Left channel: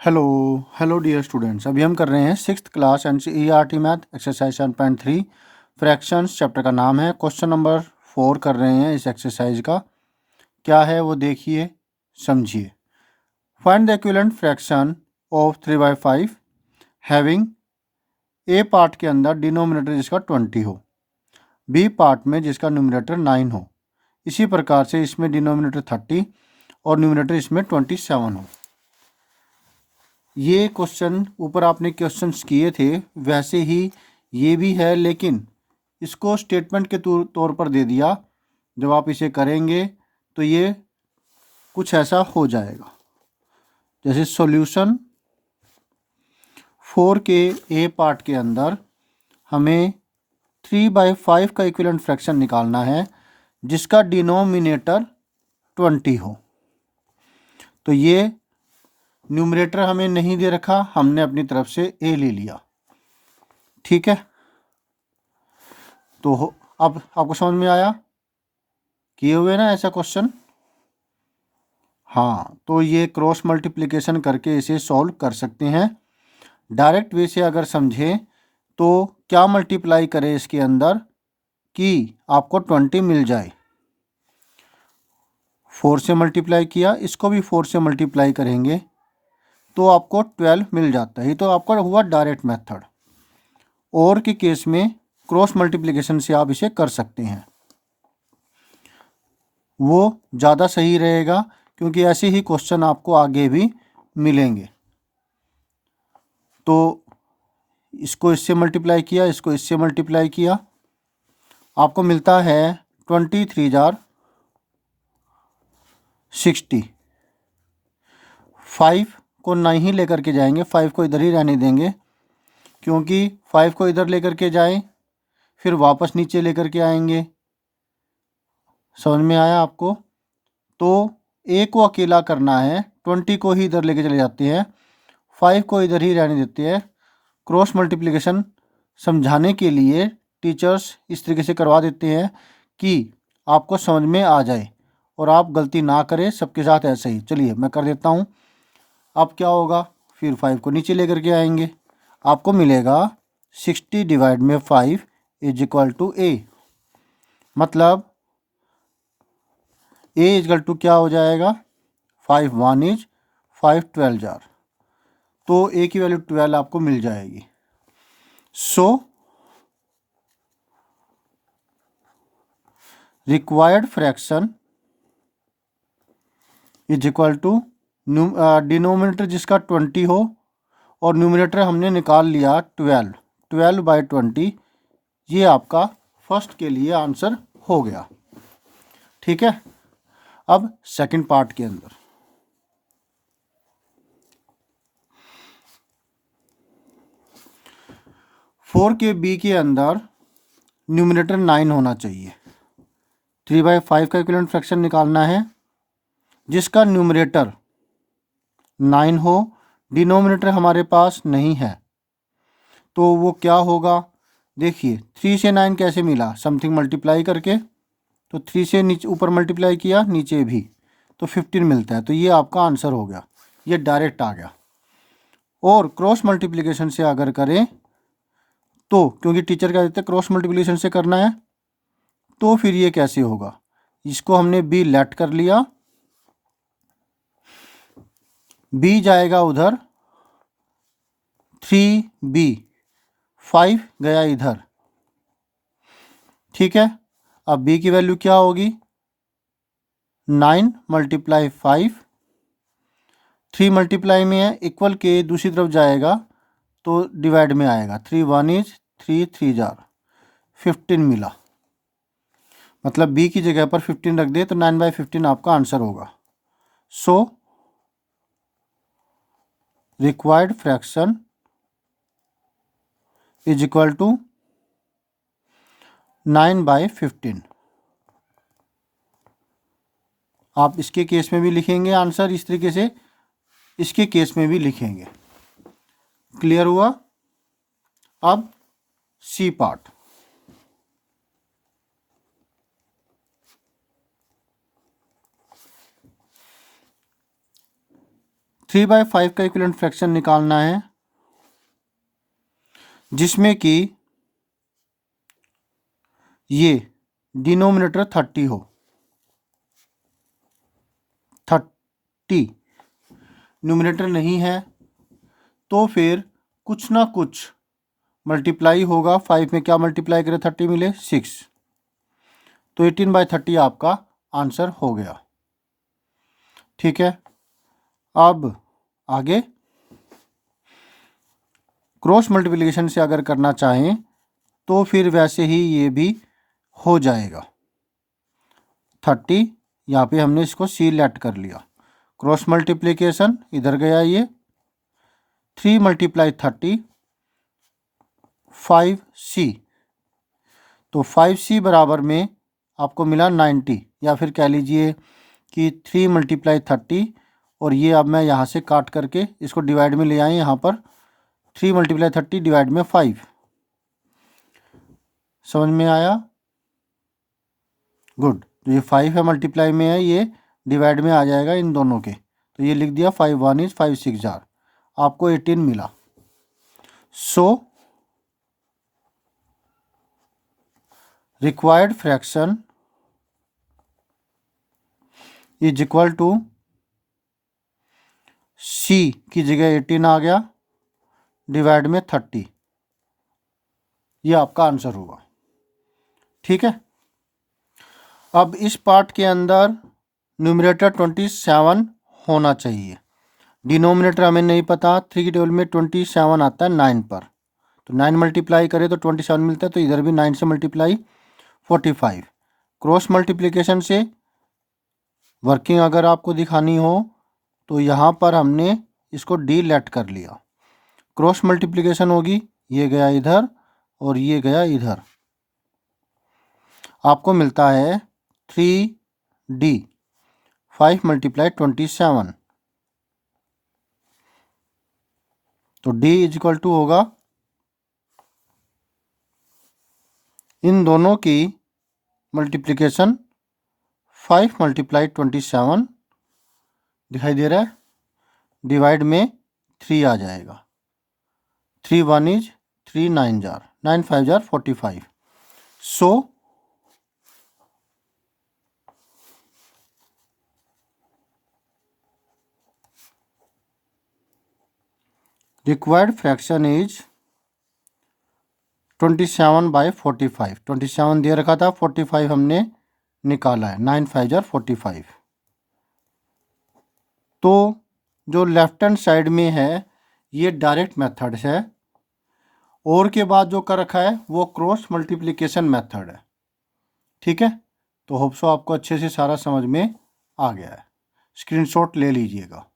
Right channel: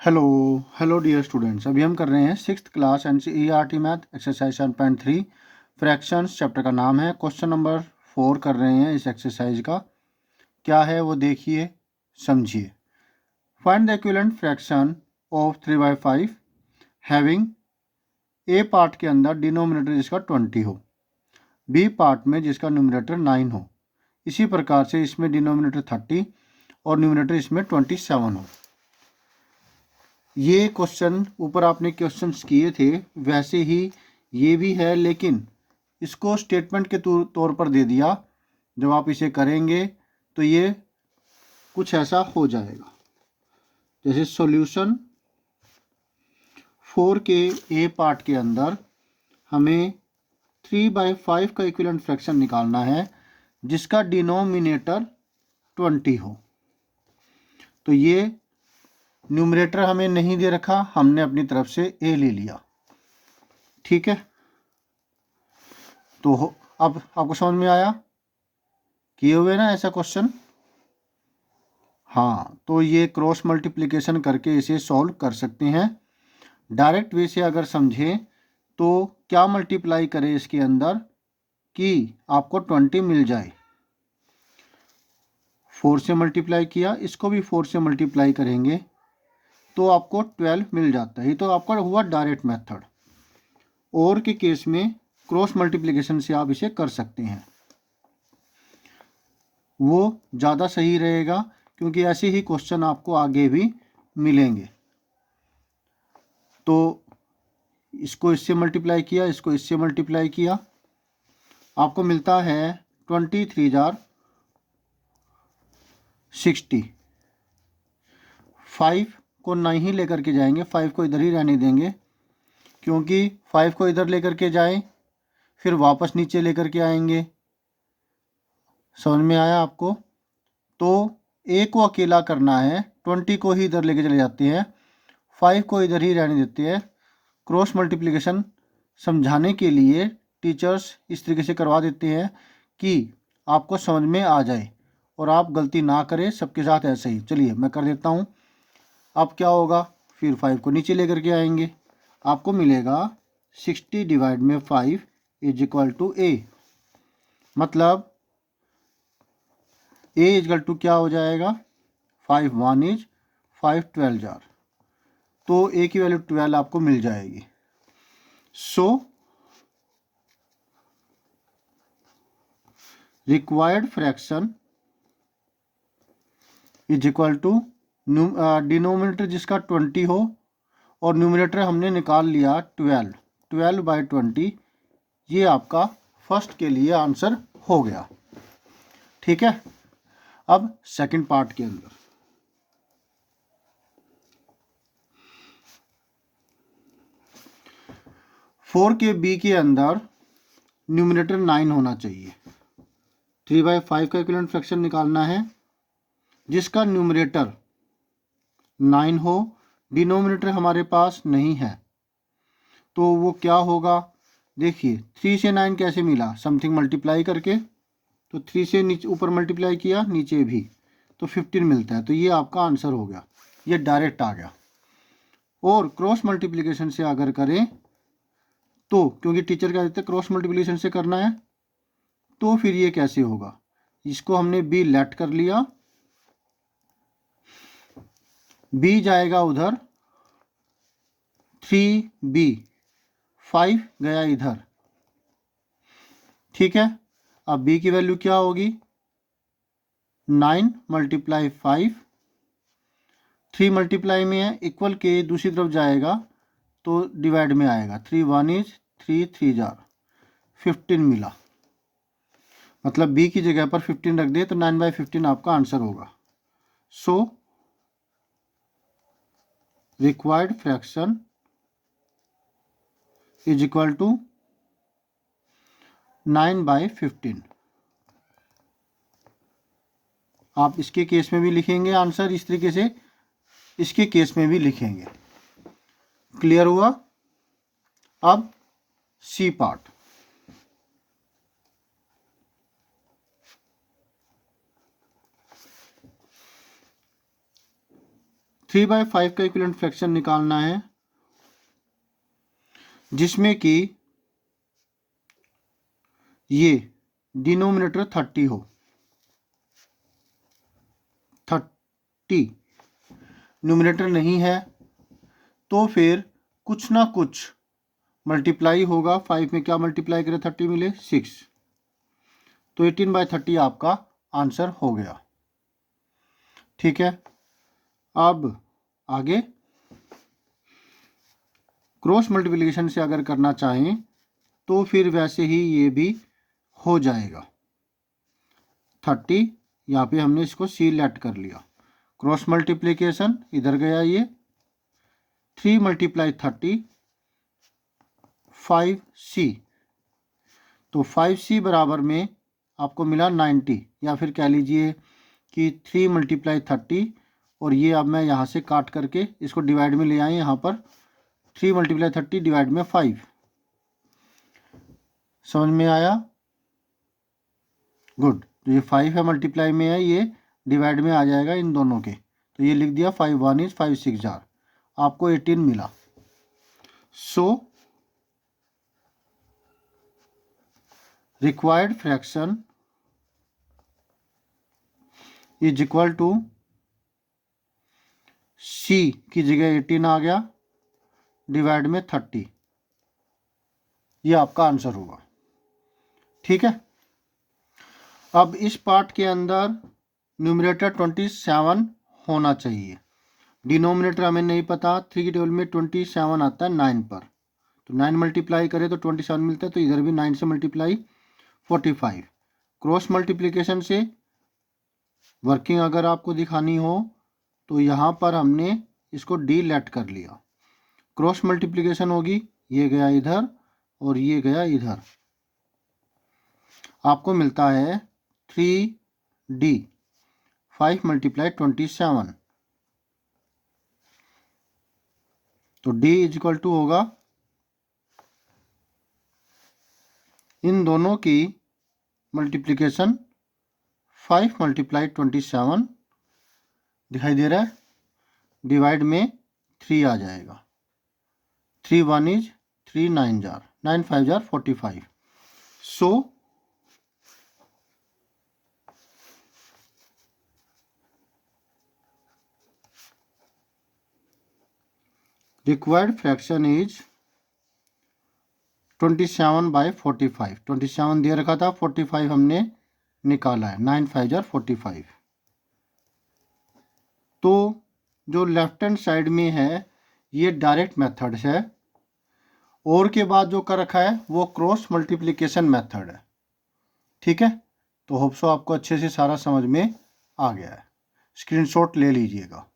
Hello hello dear students. अभी हम कर रहे हैं sixth class NCERT math exercise 7.3 fractions. Chapter का नाम है। क्वेश्चन नंबर 4 कर रहे हैं इस एक्सरसाइज का। क्या है वो देखिए, समझिए। Find the equivalent fraction of 3/5 having a part के अंदर डिनोमिनेटर जिसका 20 हो, बी पार्ट में जिसका न्यूमरेटर 9 हो। इसी प्रकार से इसमें डिनोमिनेटर 30 और न्यूमरेटर इसमें 27 हो। ये क्वेश्चन ऊपर आपने क्वेश्चंस किए थे वैसे ही ये भी है, लेकिन इसको स्टेटमेंट के तौर पर दे दिया। जब आप इसे करेंगे तो ये कुछ ऐसा हो जाएगा, जैसे सॉल्यूशन 4 के ए पार्ट के अंदर हमें 3/5 का इक्विवेलेंट फ्रैक्शन निकालना है जिसका डिनोमिनेटर 20 हो। तो ये न्यूमरेटर हमें नहीं दे रखा, हमने अपनी तरफ से ए ले लिया। ठीक है, तो अब आपको समझ में आया? किए हुए ना ऐसा क्वेश्चन? हाँ, तो ये क्रॉस मल्टीप्लिकेशन करके इसे सॉल्व कर सकते हैं। डायरेक्ट वे से अगर समझें तो क्या मल्टीप्लाई करें इसके अंदर कि आपको 20 मिल जाए। 4 से मल्टीप्लाई किया, इसको भी 4 से मल्टीप्लाई करेंगे तो आपको 12 मिल जाता है। ये तो आपका हुआ डायरेक्ट मेथड। और के केस में क्रॉस मल्टीप्लिकेशन से आप इसे कर सकते हैं, वो ज़्यादा सही रहेगा क्योंकि ऐसे ही क्वेश्चन आपको आगे भी मिलेंगे। तो इसको इससे मल्टीप्लाई किया, इसको इससे मल्टीप्लाई किया, आपको मिलता है 23 जार 60। 5 को नहीं लेकर के जाएंगे, 5 को इधर ही रहने देंगे, क्योंकि 5 को इधर लेकर के जाएं फिर वापस नीचे लेकर के आएंगे। समझ में आया आपको? तो ए को अकेला करना है, 20 को ही इधर लेके चले जाते हैं, 5 को इधर ही रहने देते हैं। क्रॉस मल्टीप्लिकेशन समझाने के लिए टीचर्स इस तरीके से करवा देते हैं कि आपको समझ में आ जाए और आप गलती ना करें। सबके साथ ऐसे ही। चलिए मैं कर देता हूँ। अब क्या होगा, फिर 5 को नीचे लेकर के आएंगे, आपको मिलेगा 60 डिवाइड में 5 इज इक्वल टू ए। मतलब ए इजकल टू क्या हो जाएगा, 5 1 इज 5 12 जार। तो ए की वैल्यू 12 आपको मिल जाएगी। So required fraction is equal to denominator जिसका 20 हो और न्यूमरेटर हमने निकाल लिया 12। 12/20 ये आपका फर्स्ट के लिए आंसर हो गया। ठीक है, अब सेकंड पार्ट के अंदर 4 के बी के अंदर न्यूमरेटर 9 होना चाहिए। 3/5 का इक्विवेलेंट फ्रैक्शन निकालना है जिसका न्यूमरेटर 9 हो, डिनोमिनेटर हमारे पास नहीं है। तो वो क्या होगा, देखिए 3 से 9 कैसे मिला, समथिंग मल्टीप्लाई करके। तो 3 से नीचे ऊपर मल्टीप्लाई किया, नीचे भी, तो 15 मिलता है। तो ये आपका आंसर हो गया, ये डायरेक्ट आ गया। और क्रॉस मल्टीप्लिकेशन से अगर करें तो, क्योंकि टीचर क्या देते हैं क्रॉस मल्टीप्लिकेशन से करना है, तो फिर ये कैसे होगा, इसको हमने बी लेट कर लिया, बी जाएगा उधर, 3b, 5 गया इधर। ठीक है, अब b की वैल्यू क्या होगी, 9 × 5, 3 मल्टीप्लाई में है, इक्वल के दूसरी तरफ जाएगा तो डिवाइड में आएगा। 3 1 इज 3 3 जार 15 मिला। मतलब b की जगह पर 15 रख दे तो 9/15 आपका आंसर होगा। So required fraction is equal to 9/15। आप इसके केस में भी लिखेंगे आंसर इस तरीके से, इसके केस में भी लिखेंगे। क्लियर हुआ? अब सी पार्ट। 3/5 का इक्विवेलेंट फ्रैक्शन निकालना है, जिसमें कि ये डिनोमिनेटर 30 हो, 30 न्यूमिनेटर नहीं है तो फिर कुछ ना कुछ मल्टीप्लाई होगा। 5 में क्या मल्टीप्लाई करें 30 मिले 6, तो 18/30 आपका आंसर हो गया। ठीक है, अब आगे क्रॉस मल्टीप्लिकेशन से अगर करना चाहें तो फिर वैसे ही ये भी हो जाएगा। 30 यहाँ पे हमने इसको सिलेक्ट कर लिया, क्रॉस मल्टीप्लिकेशन इधर गया, ये 3 × 30 5c, तो 5c बराबर में आपको मिला 90, या फिर कह लीजिए कि 3 × 30, और ये अब मैं यहाँ से काट करके इसको डिवाइड में ले आए, यहाँ पर 3 × 30 डिवाइड में 5, समझ में आया? गुड। तो ये 5 है मल्टीप्लाई में है, ये डिवाइड में आ जाएगा इन दोनों के, तो ये लिख दिया 5 1 is 5 6 जार, आपको 18 मिला। So required fraction is equal to c की जगह 18 आ गया डिवाइड में 30, ये आपका आंसर होगा। ठीक है, अब इस पार्ट के अंदर न्यूमरेटर 27 होना चाहिए, डिनोमिनेटर हमें नहीं पता, 3 के टेबल में 27 आता है 9 पर, तो 9 मल्टीप्लाई करें तो 27 मिलता है, तो इधर भी 9 से मल्टीप्लाई 45। क्रॉस मल्टीप्लिकेशन से वर्किंग अगर आपको दिखानी हो तो यहाँ पर हमने इसको डिलीट कर लिया, क्रॉस मल्टीप्लिकेशन होगी, ये गया इधर और ये गया इधर, आपको मिलता है 3d 5 × 27, तो d इज इक्वल टू होगा इन दोनों की मल्टीप्लिकेशन 5 × 27 दिखाई दे रहा है, डिवाइड में 3 आ जाएगा, 3 1 is 3 9 jar, 9 5 jar 45। So required fraction is 27/45, 27 दे रखा था, 45 हमने निकाला है, 9 5 जार 45। तो जो लेफ्ट हैंड साइड में है ये डायरेक्ट मेथड है, और के बाद जो कर रखा है वो क्रॉस मल्टीप्लिकेशन मेथड है। ठीक है, तो होप सो आपको अच्छे से सारा समझ में आ गया है, स्क्रीनशॉट ले लीजिएगा।